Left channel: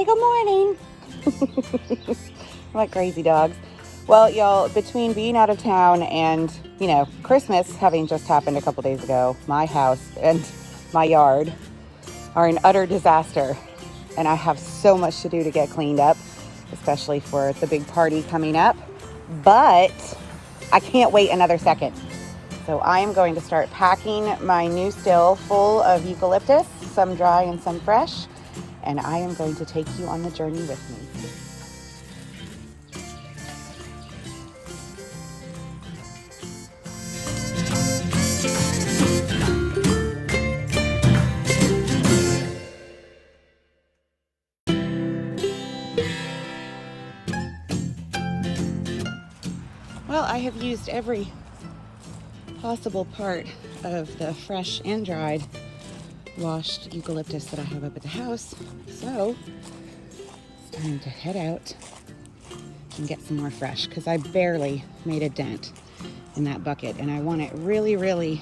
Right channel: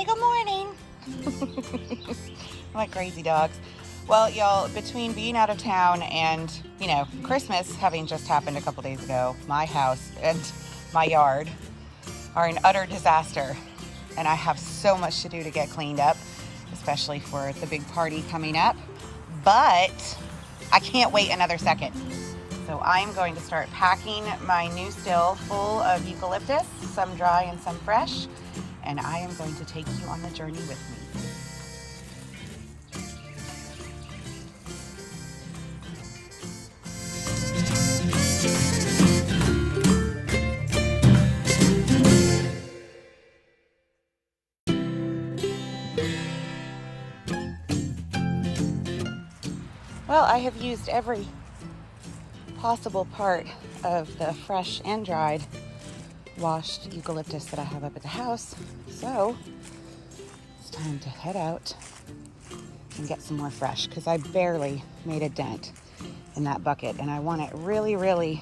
Say good morning. Like crazy dogs. Well, y'all, between being out of town and, you know, Christmas having just happened a couple days ago, my house and my yard are an utter disaster. And I have so much to do to get cleaned up, especially for the big party coming up. But I can't wait another second. So I am going to start packing my new still full of eucalyptus, some dry and some fresh. And I am going to take you on the journey with me. Well, I have used every possible part of the fresh and dried washed eucalyptus that I have up at the house. So it's time to head out and get some more fresh because I barely made a dent in that bucket and I want it really, really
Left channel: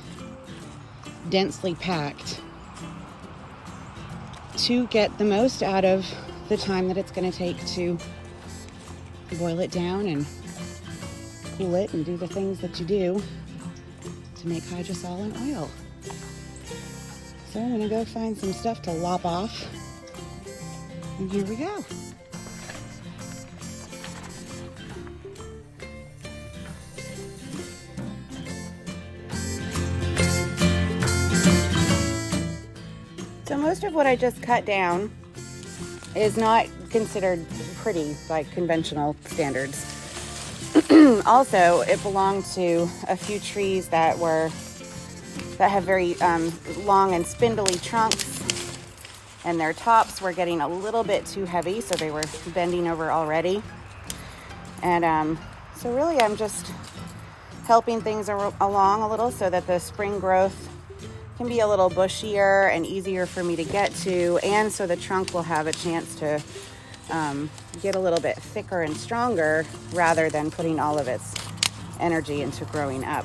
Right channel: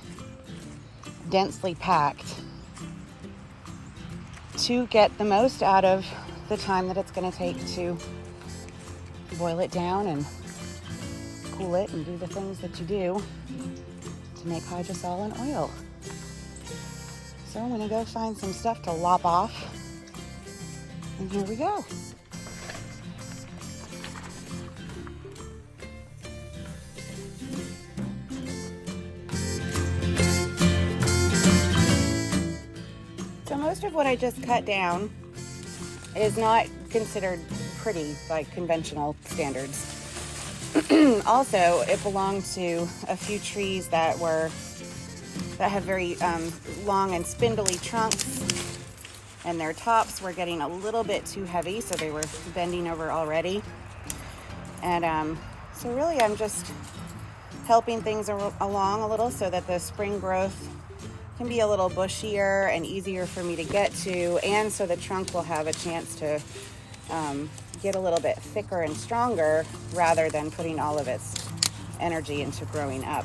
densely packed to get the most out of the time that it's going to take to boil it down and cool it and do the things that you do to make hydrosol and oil. So I'm gonna go find some stuff to lop off, and here we go. So most of what I just cut down is not considered pretty by conventional standards. Also, it belonged to a few trees that have very long and spindly trunks, and their tops were getting a little bit too heavy, so they were bending over already. And so really I'm just helping things along a little so that the spring growth can be a little bushier and easier for me to get to, and so the trunk will have a chance to get a little bit thicker and stronger rather than putting all of its energy into growing up.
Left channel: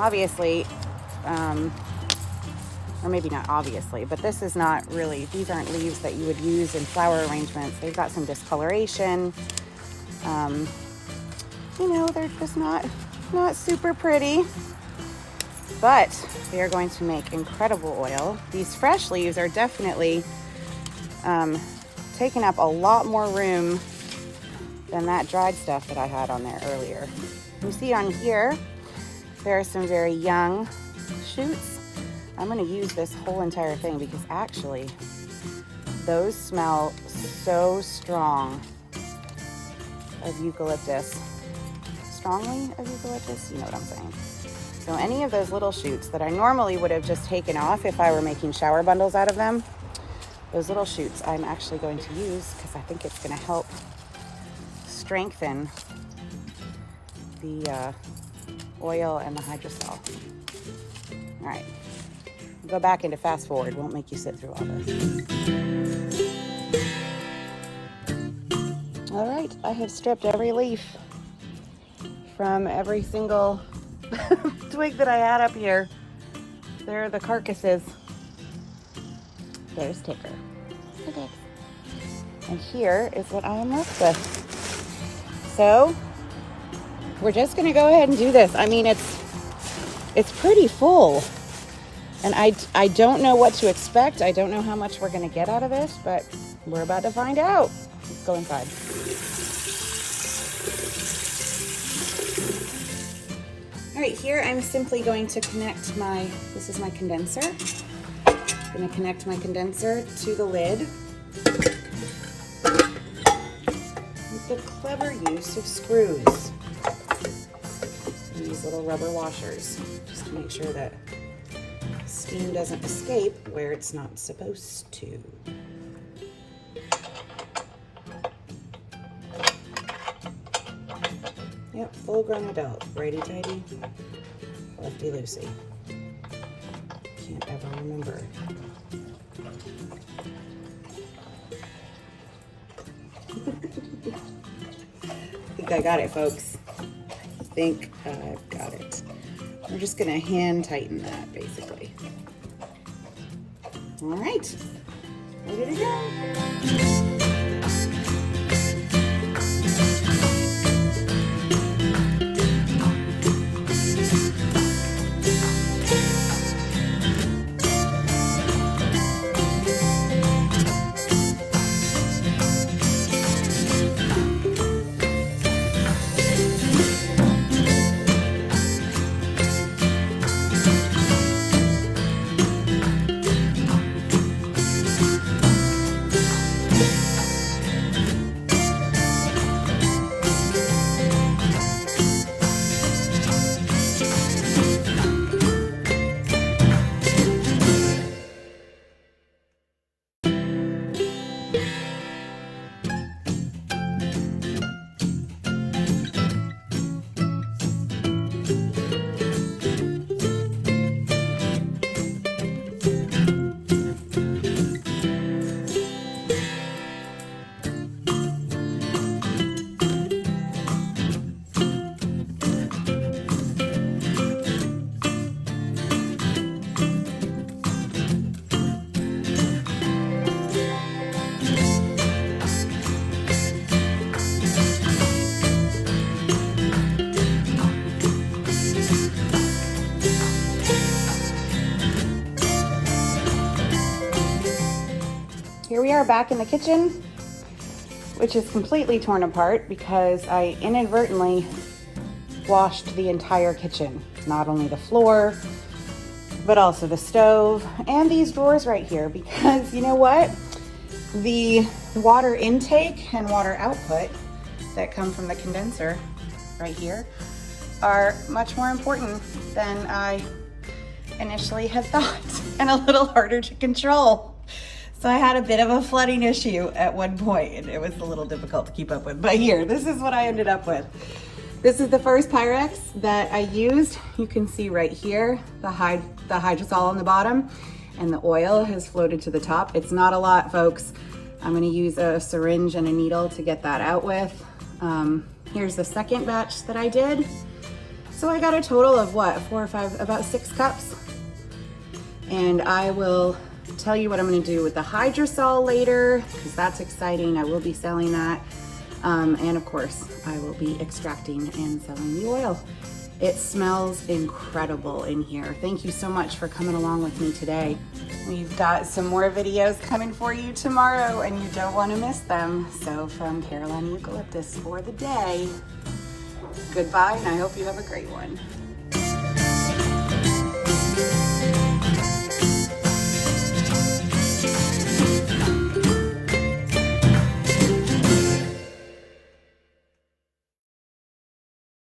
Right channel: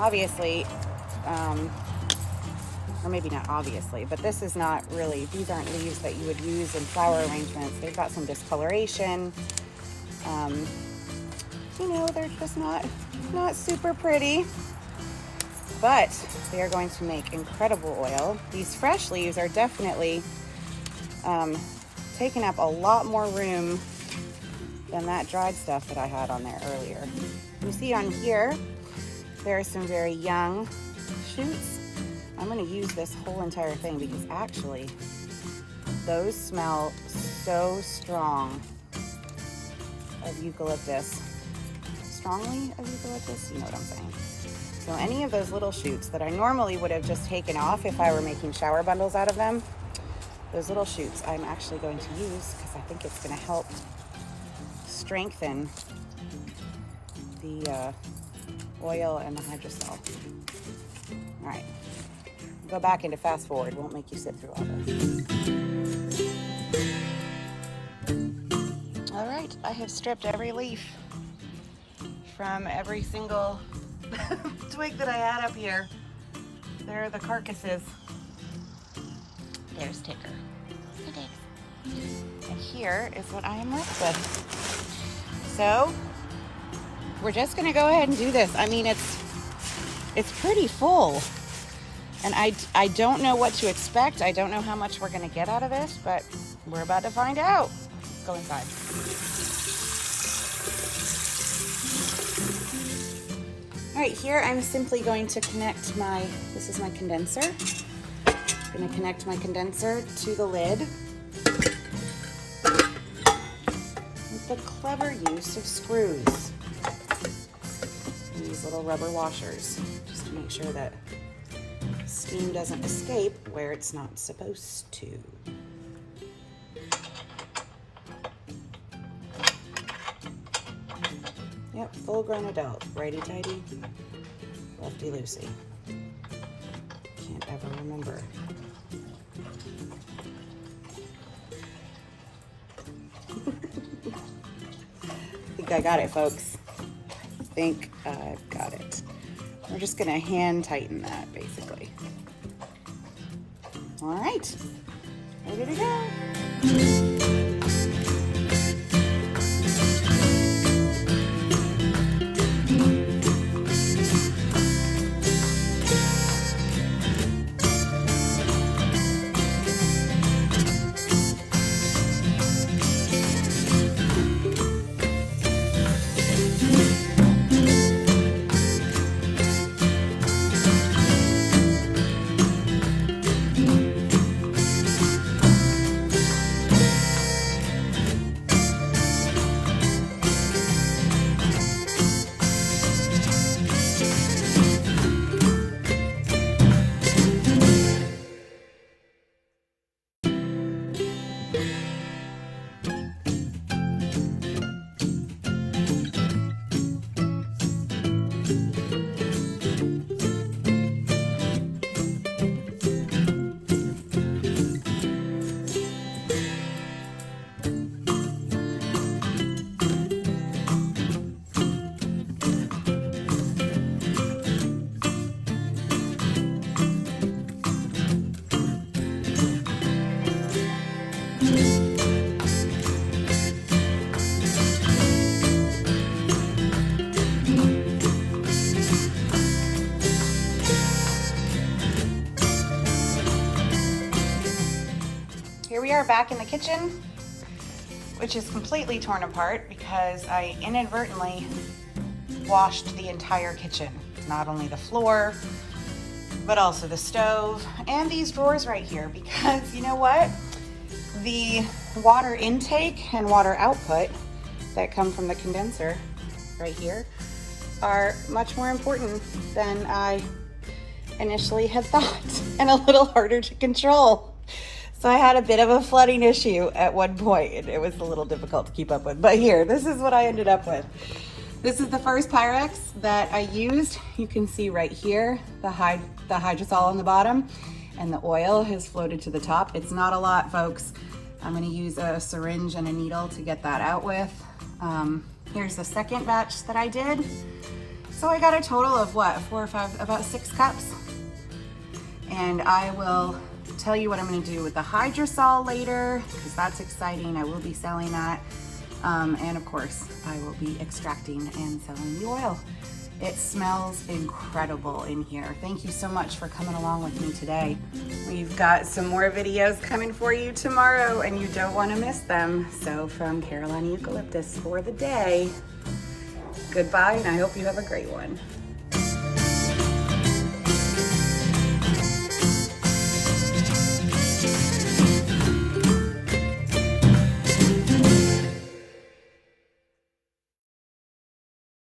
Obviously, or maybe not obviously, but this is not really, these aren't leaves that you would use in flower arrangements. They've got some discoloration. You know, they're just not super pretty, but they are going to make incredible oil. These fresh leaves are definitely taking up a lot more room than that dried stuff that I had on there earlier. You see on here, there are some very young shoots. I'm gonna use this whole entire thing because actually those smell so strong of eucalyptus. Strongly of eucalyptus, you know what I'm saying. So any of those little shoots that I normally would have just taken off if I were making shower bundles out of them, those little shoots I'm actually going to use because I think it's gonna help strengthen the oil and the hydrosol. All right, go back into fast forward. Won't make you sit through all. All right, I have stripped every leaf from every single twig that I had up here. There are the carcasses. There's Ticker. Okay. And here is what I am left with. So we're just gonna go ahead and do this. I mean, it's pretty full. And I don't know what to expect. I don't know how much we're gonna get out of this, but we're about to find out. Let's go inside. All right, here I'm simply going to connect this is my condenser. I'm gonna connect my condenser to the lid with the clever use of screws. These little rubber washers, just to make sure that steam doesn't escape where it's not supposed to. Yep, full-grown adult, righty-tighty, lefty-loosey. Can't ever remember. I think I got it, folks. I think I've got it. We're just gonna hand tighten that, basically. All right, ready to go. Here we are back in the kitchen, which is completely torn apart because I inadvertently washed the entire kitchen. Not only the floor, but also the stove and these drawers right here, because you know what? The water intake and water output that come from the condenser right here are much more important than I initially had thought and a little harder to control. So I had a bit of a flooding issue at one point and it was a little difficult to keep up with. But here, this is what I ended up with. This is the first Pyrex that I used. You can see right here, the hydrosol on the bottom and the oil has floated to the top. It's not a lot, folks. I'm gonna use a syringe and a needle to get that out with. Here's the second batch that I did. So I got a total of what, 4 or 5, about 6 cups. And I will tell you what I'm going to do with the hydrosol later, because that's exciting. I will be selling that. And of course, I will be extracting and selling the oil. It smells incredible in here. Thank you so much for coming along with me today. We've got some more videos coming for you tomorrow and you don't want to miss them. So from Carolina Eucalyptus for the day, goodbye and I hope you have a great one.